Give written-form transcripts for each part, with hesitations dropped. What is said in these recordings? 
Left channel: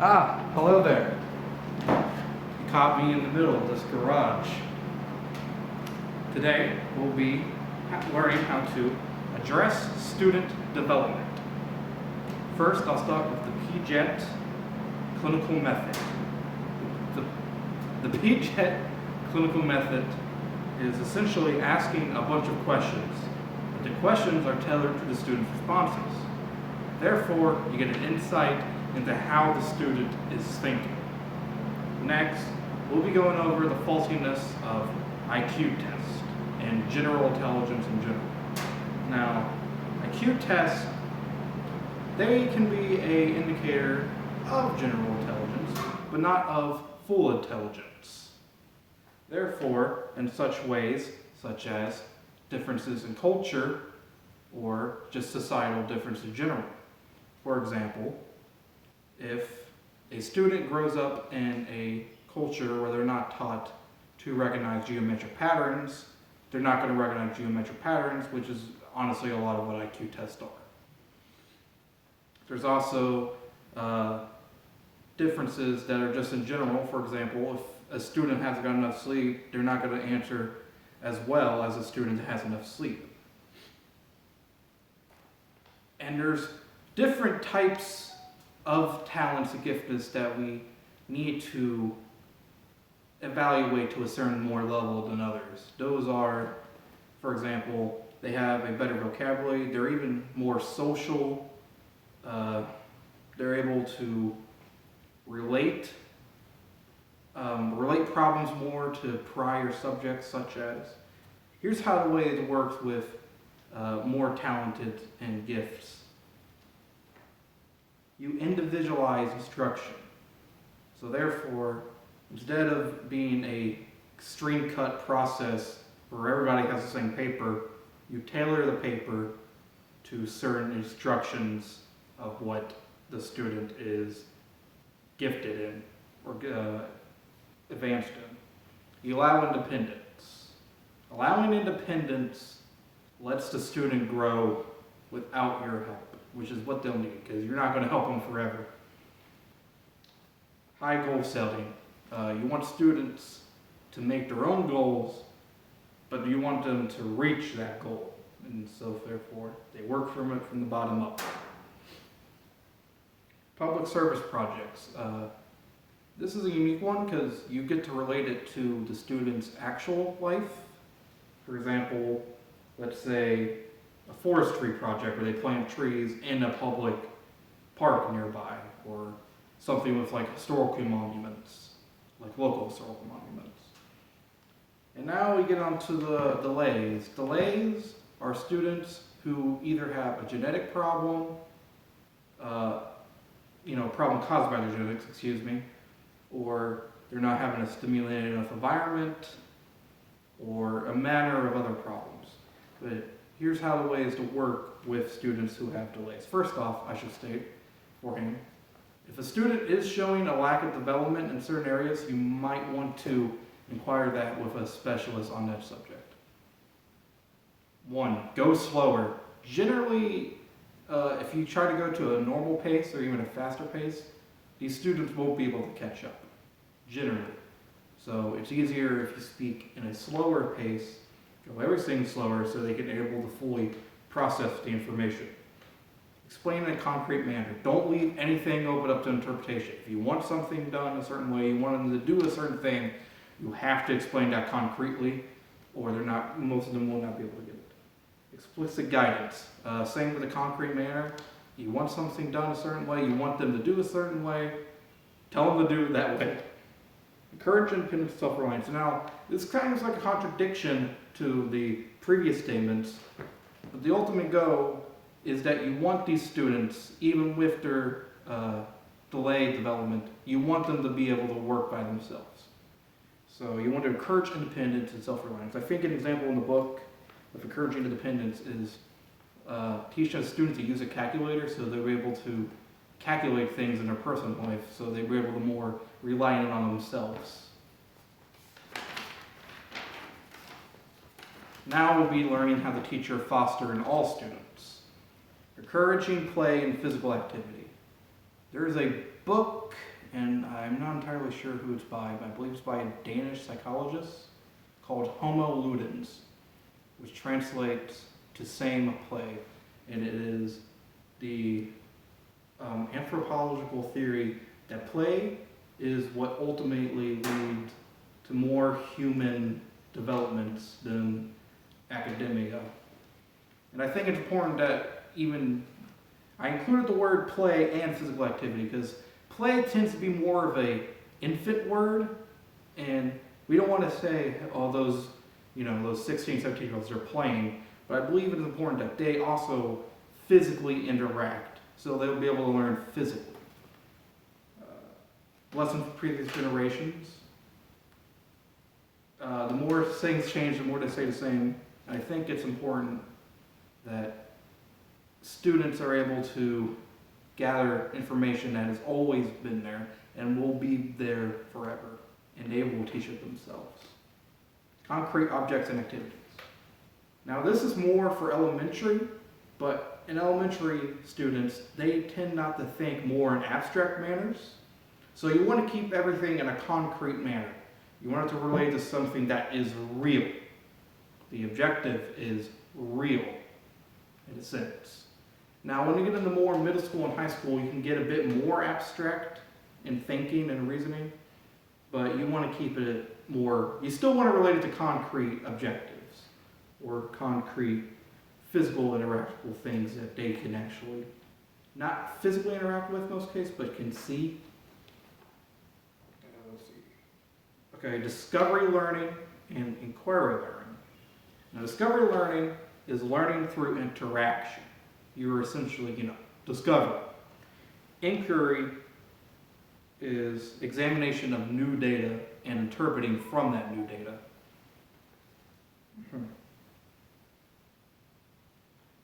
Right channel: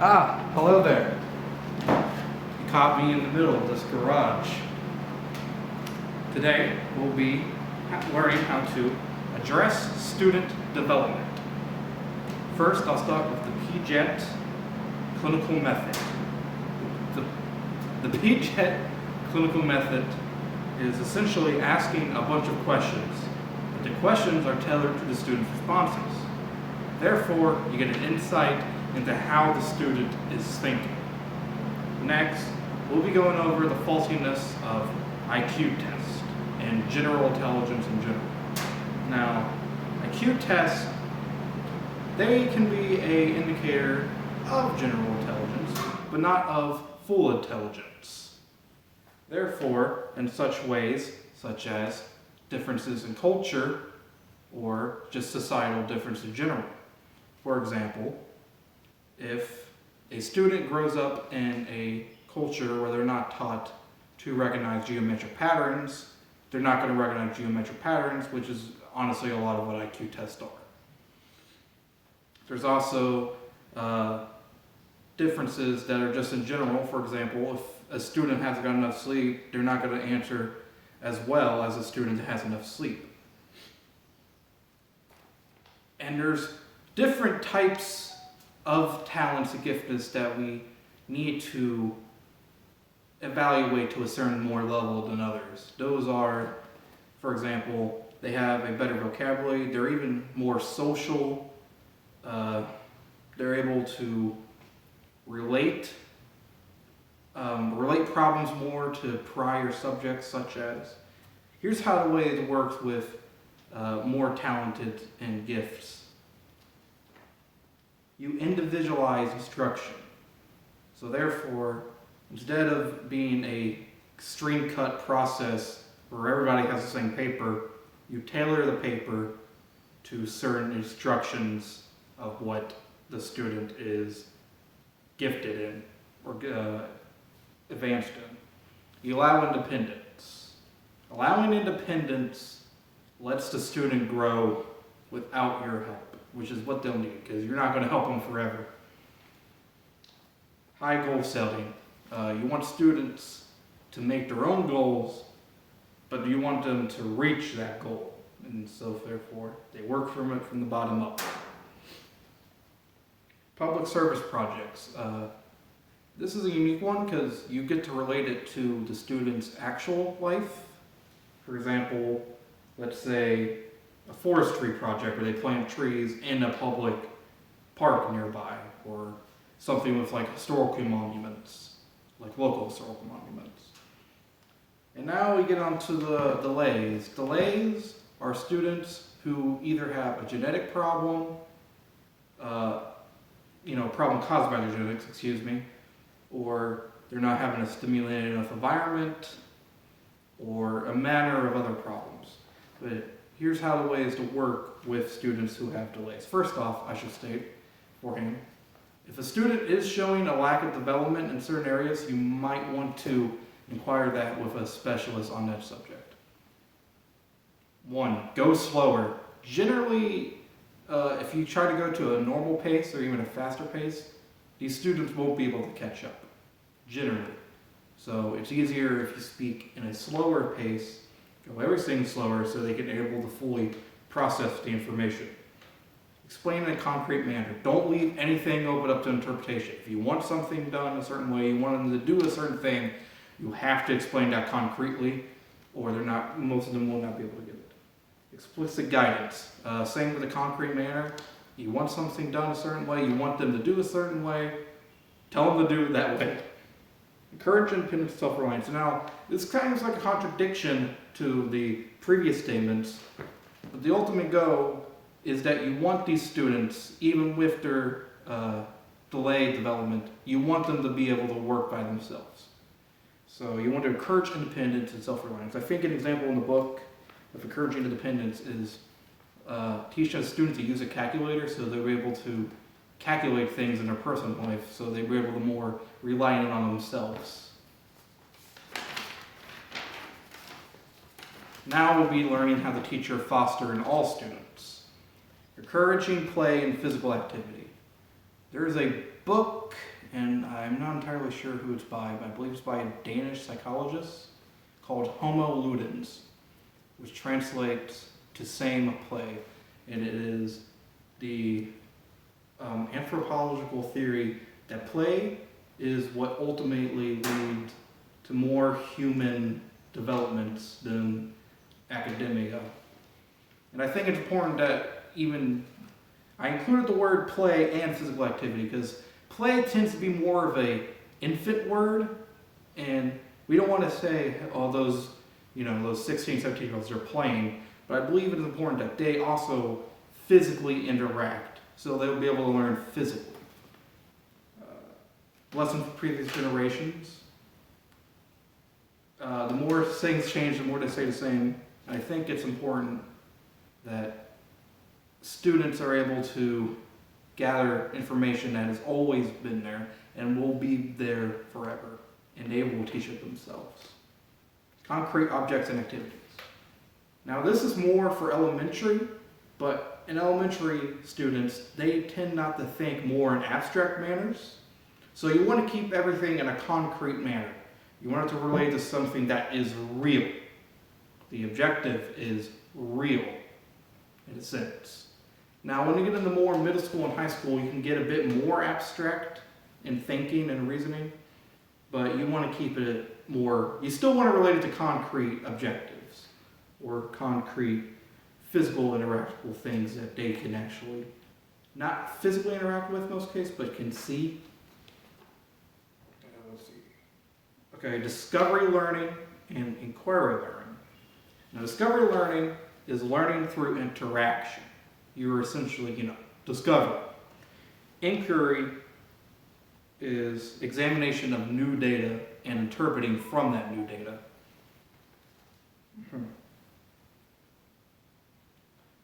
Ah, hello there. You caught me in the middle of this garage. Today we'll be learning how to address student development. First, I'll start with the P-JET clinical method. The P-JET clinical method is essentially asking a bunch of questions. The questions are tailored to the student's responses. Therefore, you get an insight into how the student is thinking. Next, we'll be going over the faultiness of IQ tests and general intelligence in general. Now, IQ tests, they can be an indicator of general intelligence, but not of full intelligence. Therefore, in such ways, such as differences in culture or just societal difference in general. For example, if a student grows up in a culture where they're not taught to recognize geometric patterns, they're not going to recognize geometric patterns, which is honestly a lot of what IQ tests are. There's also differences that are just in general. For example, if a student hasn't got enough sleep, they're not going to answer as well as a student that has enough sleep. And there's different types of talents and giftedness that we need to evaluate to a certain more level than others. Those are, for example, they have a better vocabulary, they're even more social, they're able to relate problems more to prior subjects, such as, here's how the way it works with more talented and gifts. You individualize instruction. So therefore, instead of being a stream cut process where everybody has the same paper, you tailor the paper to certain instructions of what the student is gifted in or advanced in. You allow independence. Allowing independence lets the student grow without your help, which is what they'll need, because you're not going to help them forever. High goal setting. You want students to make their own goals, but you want them to reach that goal. And so therefore, they work from it from the bottom up. Public service projects. This is a unique one because you get to relate it to the student's actual life. For example, let's say a forestry project where they plant trees in a public park nearby, or something with like historical monuments, like local historical monuments. And now we get on to the delays. Delays are students who either have a genetic problem, problem caused by their genetics, or they're not having a stimulated enough environment, or a manner of other problems. But here's how the way is to work with students who have delays. First off, I should state beforehand, if a student is showing a lack of development in certain areas, you might want to inquire that with a specialist on that subject. 1, go slower. Generally, if you try to go to a normal pace or even a faster pace, these students won't be able to catch up, generally. So it's easier if you speak in a slower pace, go everything slower so they can be able to fully process the information. Explain in a concrete manner. Don't leave anything open up to interpretation. If you want something done a certain way, you want them to do a certain thing, you have to explain that concretely, or most of them will not be able to get it. Explicit guidance. Same with a concrete manner. You want something done a certain way, you want them to do a certain way, tell them to do it that way. Encourage independent self-reliance. Now, this kind of is like a contradiction to the previous statements, but the ultimate goal is that you want these students, even with their delayed development, you want them to be able to work by themselves. So you want to encourage independence and self-reliance. I think an example in the book of encouraging independence is teaching students to use a calculator so they're able to calculate things in their personal life, so they were able to more rely on themselves. Now we'll be learning how to teach or foster in all students. Encouraging play and physical activity. There is a book and I'm not entirely sure who it's by, but I believe it's by a Danish psychologist called Homo Ludens, which translates to same play, and it is the anthropological theory that play is what ultimately leads to more human developments than academia. And I think it's important that I included the word play and physical activity because play tends to be more of a infant word, and we don't want to say, oh, those 16, 17-year-olds are playing, but I believe it is important that they also physically interact, so they'll be able to learn physically. Lessons from previous generations. The more things change, the more they stay the same. And I think it's important that students are able to gather information that has always been there and will be there forever, and they will teach it themselves. Concrete objects and activities. Now this is more for elementary, but in elementary students, they tend not to think more in abstract manners. So you want to keep everything in a concrete manner. You want it to relate to something that is real. The objective is real, in a sense. Now, when you get into more middle school and high school, you can get a bit more abstract in thinking and reasoning, but you want to keep it more, you still want to relate it to concrete objectives or concrete physical interactable things that they can actually not physically interact with in most cases, but can see. Okay, discovery learning and inquiry learning. Now, discovery learning is learning through interaction. You're essentially, discovering. Inquiry is examination of new data and interpreting from that new data.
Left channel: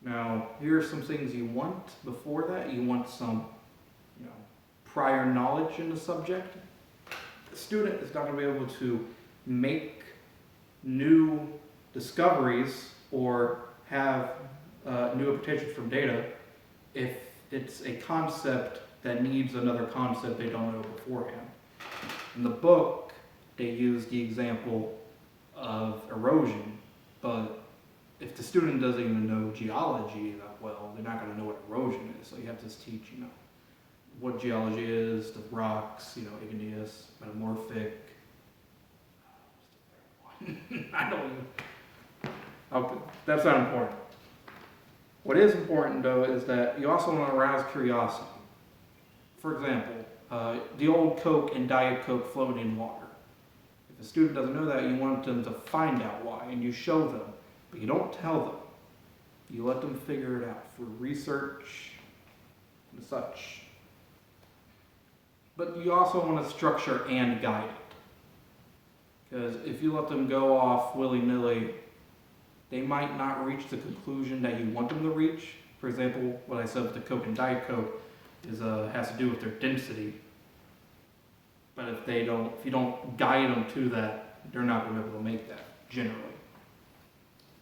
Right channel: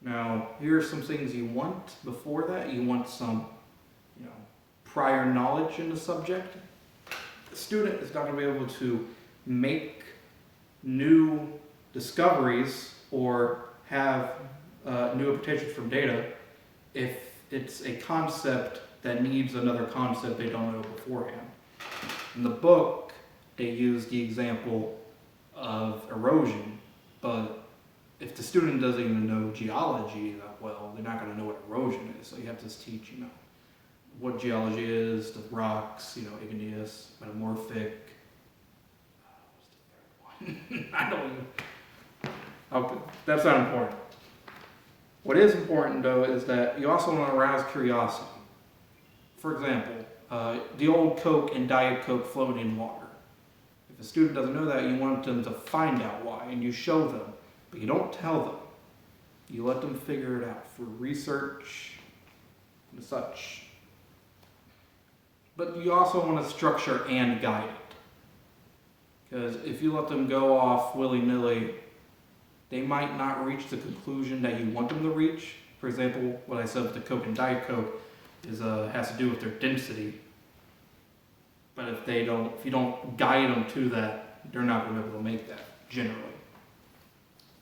Now, here are some things you want before that. You want some, prior knowledge in the subject. The student is not going to be able to make new discoveries or have new interpretations from data if it's a concept that needs another concept they don't know beforehand. In the book, they use the example of erosion, but if the student doesn't even know geology that well, they're not going to know what erosion is. So you have to teach, what geology is, the rocks, igneous, metamorphic. What's the third one? I don't even. Okay, that's not important. What is important, though, is that you also want to arouse curiosity. For example, the old Coke and Diet Coke floating in water. If a student doesn't know that, you want them to find out why, and you show them, but you don't tell them. You let them figure it out through research and such. But you also want to structure and guide it. Because if you let them go off willy-nilly, they might not reach the conclusion that you want them to reach. For example, what I said with the Coke and Diet Coke has to do with their density. But if you don't guide them to that, they're not going to be able to make that, generally.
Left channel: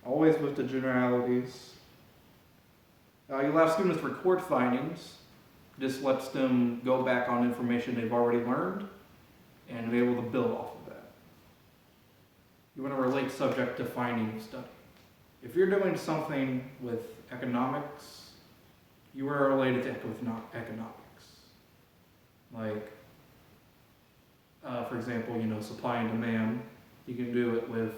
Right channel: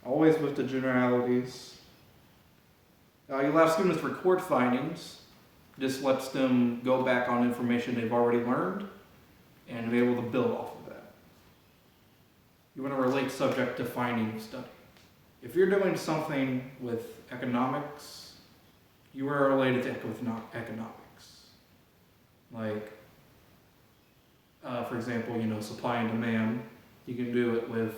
Always with the generalities. You'll have students record findings. This lets them go back on information they've already learned and be able to build off of that. You want to relate subject to finding of study. If you're doing something with economics, you are related to economics. Like, for example, supply and demand. You can do it with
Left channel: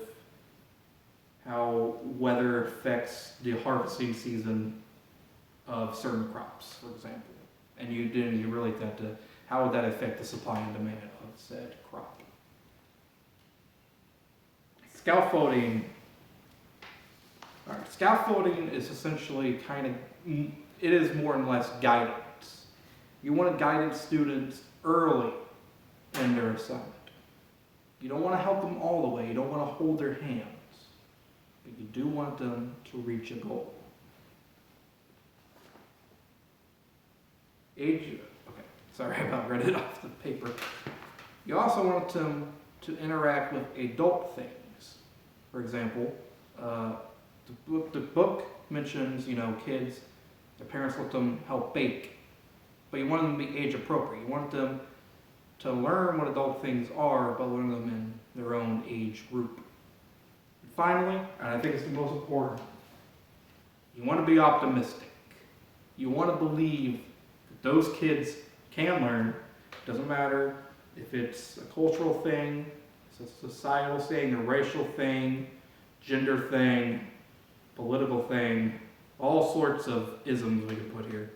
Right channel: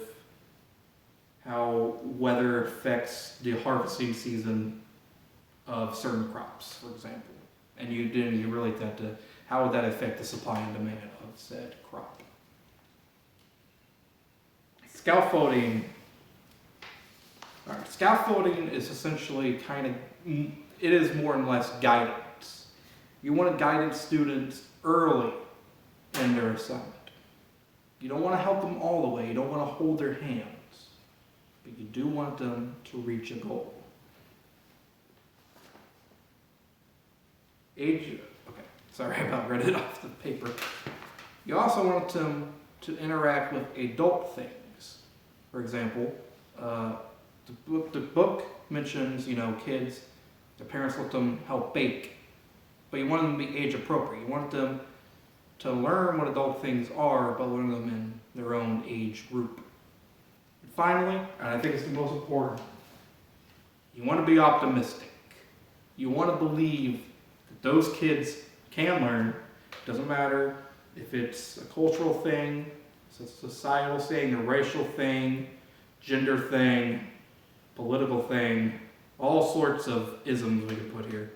how weather affects the harvesting season of certain crops, for example. And you relate that to how would that affect the supply and demand of said crop. Scaffolding. All right, scaffolding is essentially it is more and less guidance. You want to guide students early in their assignment. You don't want to help them all the way. You don't want to hold their hands. But you do want them to reach a goal. Sorry, I about read it off the paper. You also want them to interact with adult things. For example, the book mentions, kids, their parents let them help bake, but you want them to be age appropriate. You want them to learn what adult things are, but learn them in their own age group. And finally, and I think it's the most important, you want to be optimistic. You want to believe that those kids can learn. It doesn't matter if it's a cultural thing, it's a societal thing, a racial thing, gender thing, political thing, all sorts of isms we could put here.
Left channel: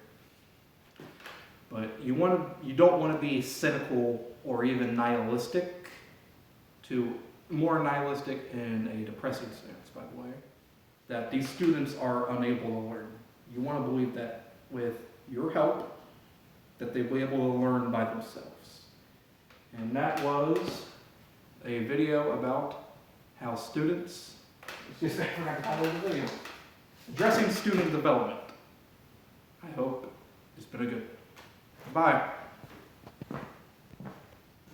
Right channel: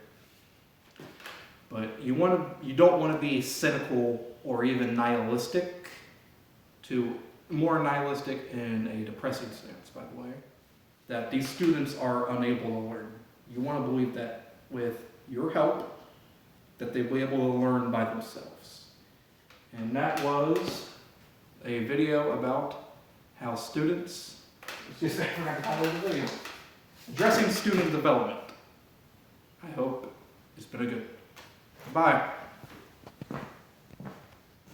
But you don't want to be cynical or even nihilistic, more nihilistic in a depressing sense, by the way, that these students are unable to learn. You want to believe that with your help, that they'll be able to learn by themselves. And that was a video about how students, I forgot to call it a video, addressing student development. I hope it's been a good. Bye.